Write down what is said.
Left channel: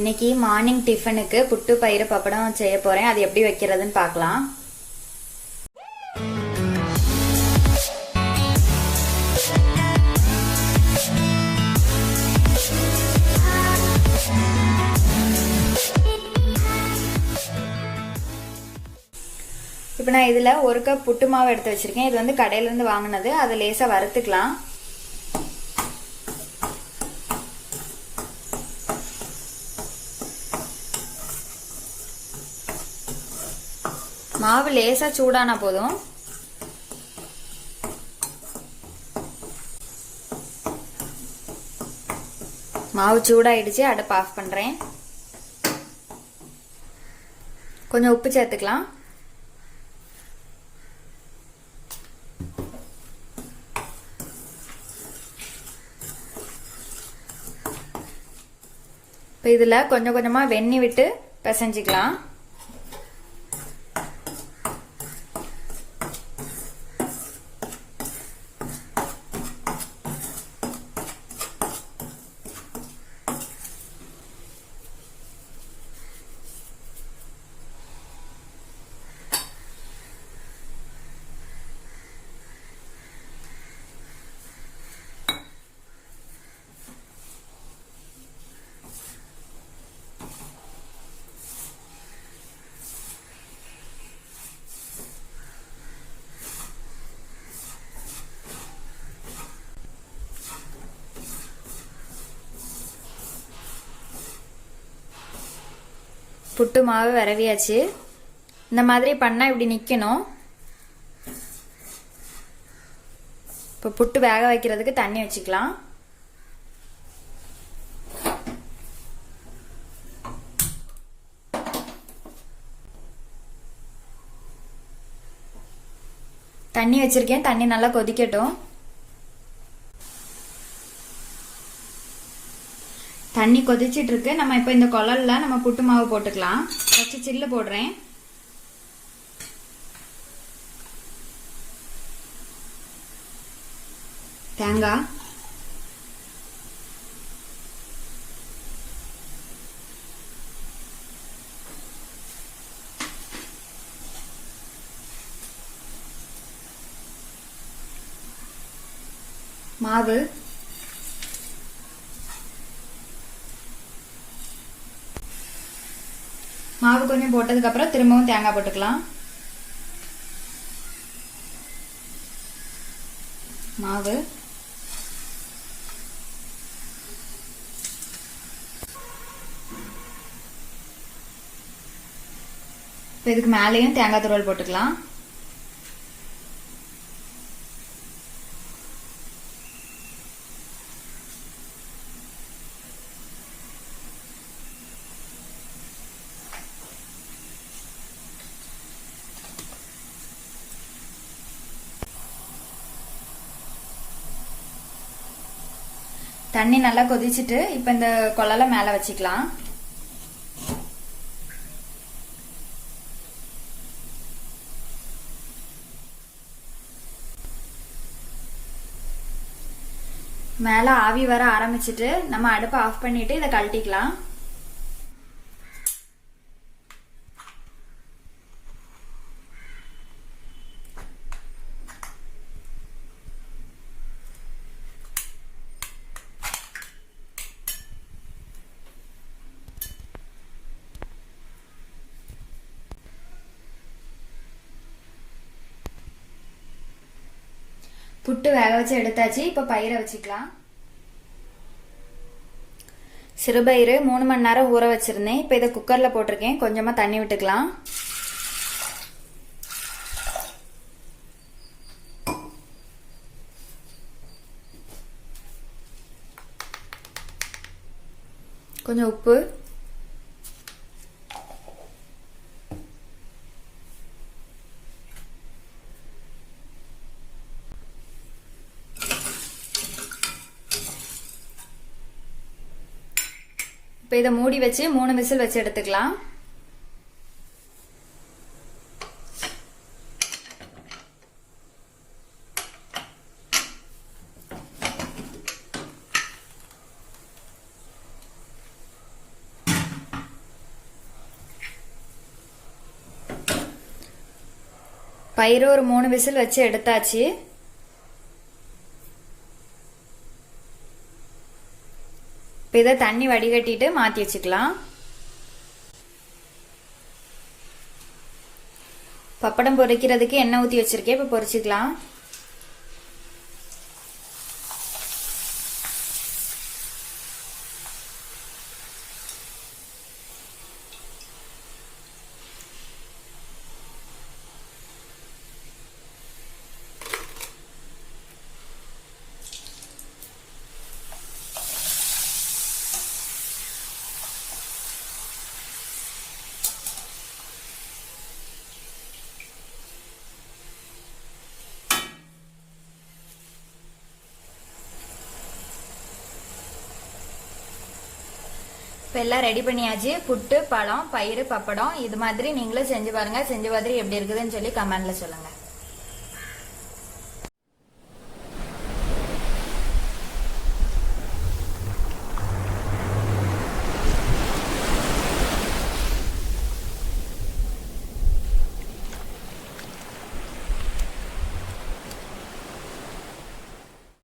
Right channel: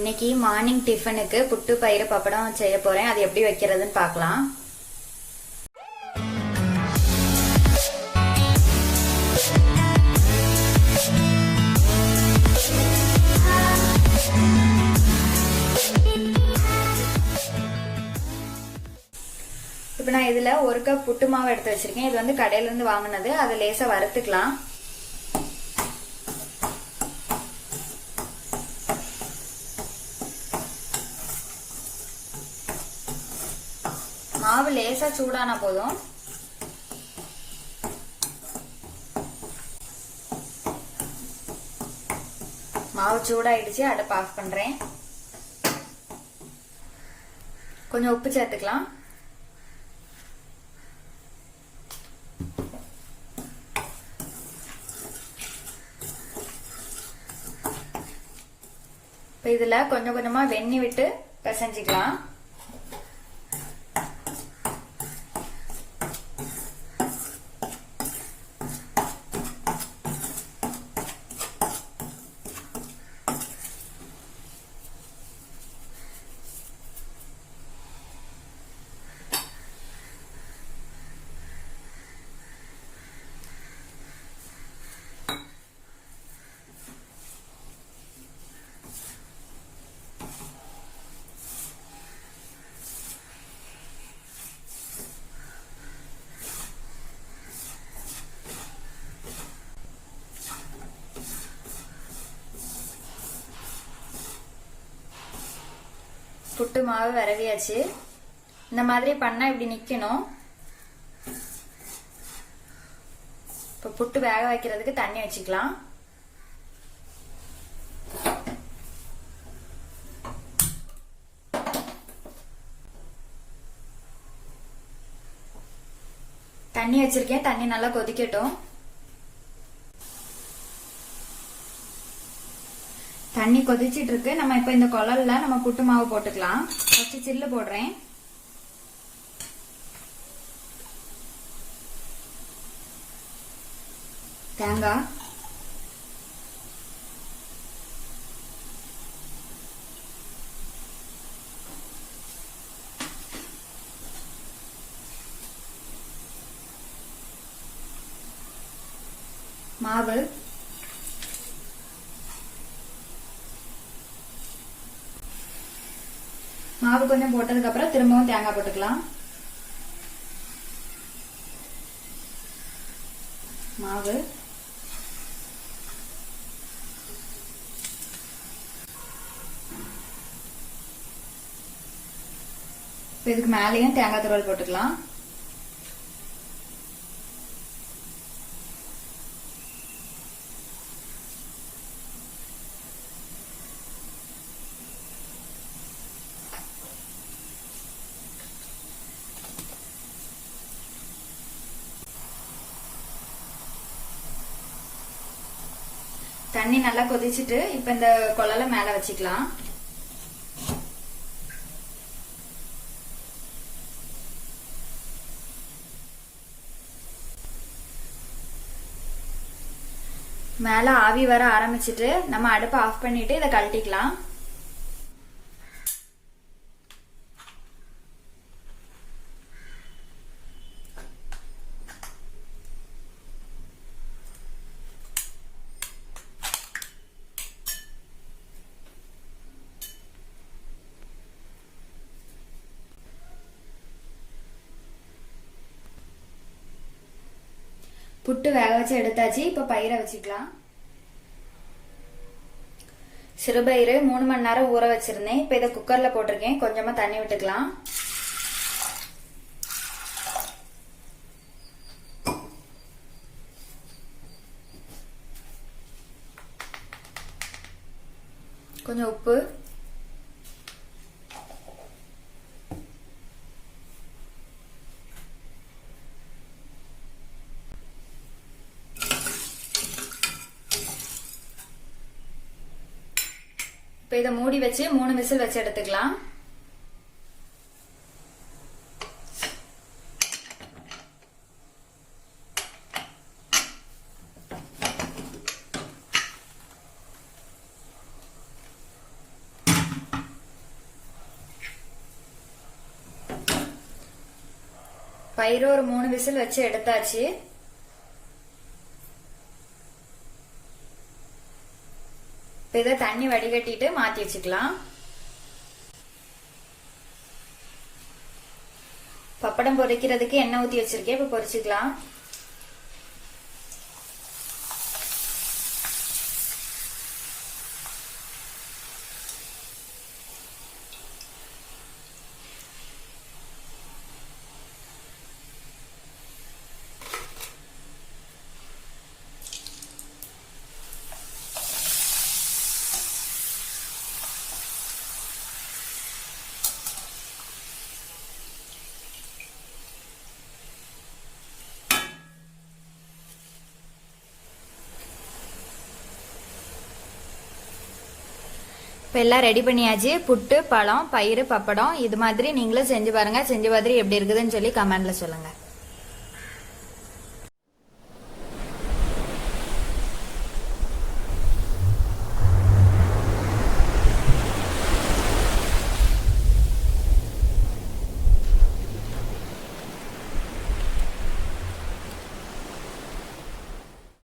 இன்னைக்கு மார்னிங் டிஃபனுக்கு புட்டு பயிறு பப்படம் செய்ய போறேன். அது எப்படி வைக்கிறதுன்னு பார்க்கலாம். இப்போ நான் இதுல 1 கப் புட்டு மாவு எடுத்து வச்சிருக்கேன். இது வந்து கடையில இருந்து வாங்கினது. அதை லேசா வறுத்துக்கலாம். மாவு லேசா சூடான போதும். மாவு சூடாயிடுச்சு. அடுப்பு ஆஃப் பண்றேன். கொஞ்சம் உப்பு சேர்த்துக்கலாம். இப்போ இதுல கொஞ்சம் கொஞ்சமா வெண்ணெய் விட்டு பிசைஞ்சிக்கலாம். புட்டு மாவு விரவியாச்சு. இந்த மாதிரி பண்ணா இப்படி நிக்கணும். இப்ப புட்டு வேக வைக்கிறதுக்கு தண்ணி வச்சுக்கலாம். தண்ணி வச்சிருக்கேன். தண்ணி நல்லா கொதிக்கட்டும். தண்ணி கொதிச்சிட்டு இருக்கு. நம்ம இப்ப இந்த குழல்ல நம்ம புட்டு மாவு போட்டுக்கலாம். ஃபர்ஸ்ட் சில்லு போடுறேன். தேங்காய், மாவு, மாவு கொஞ்சம் போட்டதுக்கு அப்புறம் திரும்பவும் தேங்காய் போட்டுக்கலாம். மாவு, இதுக்கு மேலேயும் தேங்காய் துருவல் போட்டுக்கலாம். தண்ணி நல்லா கொதிச்சுட்டு இப்ப இந்த குழலை மேல வச்சுக்கலாம். மேல ஆவி வர ஆரம்பிச்சிட்டு நம்ம அடுப்பை ஆஃப் பண்ணிட்டு இதை கழட்டிக்கலாம். புட்டு வேக வச்சு எடுத்தாச்சு. இப்ப பயிரை வச்சுக்கலாம். சிறுபயிறு 3 மணி நேரம் ஊற வச்சிருந்தேன். இப்ப இதை குக்கர்ல போட்டிருக்கேன். கொஞ்சமா தண்ணி விட்டுக்கலாம். கொஞ்சம் உப்பு, இப்ப இதை மூடி வச்சு 3 விசில் வச்சு எடுத்துக்கலாம். பயிறு ஒரு 3 விசில் வச்சு எடுத்தாச்சு. இதை தண்ணி வடிகட்டிட்டு மாத்தி வச்சுக்கலாம். பப்படம் பொரிக்கிறதுக்கு எண்ணெய் ஊத்தி வச்சிருக்கேன். இப்ப பொரிச்சுக்கலாம். இப்போ எல்லாம் ரெடி பண்ணியாச்சு. புட்டு, பழம், பயிறு, பப்படம் இது மாதிரி நீங்களும் செஞ்சு பாருங்க. செஞ்சு பார்த்துட்டு எப்படி இருக்குதுன்னு சொல்லி கமெண்ட்ல சொல்லுங்க.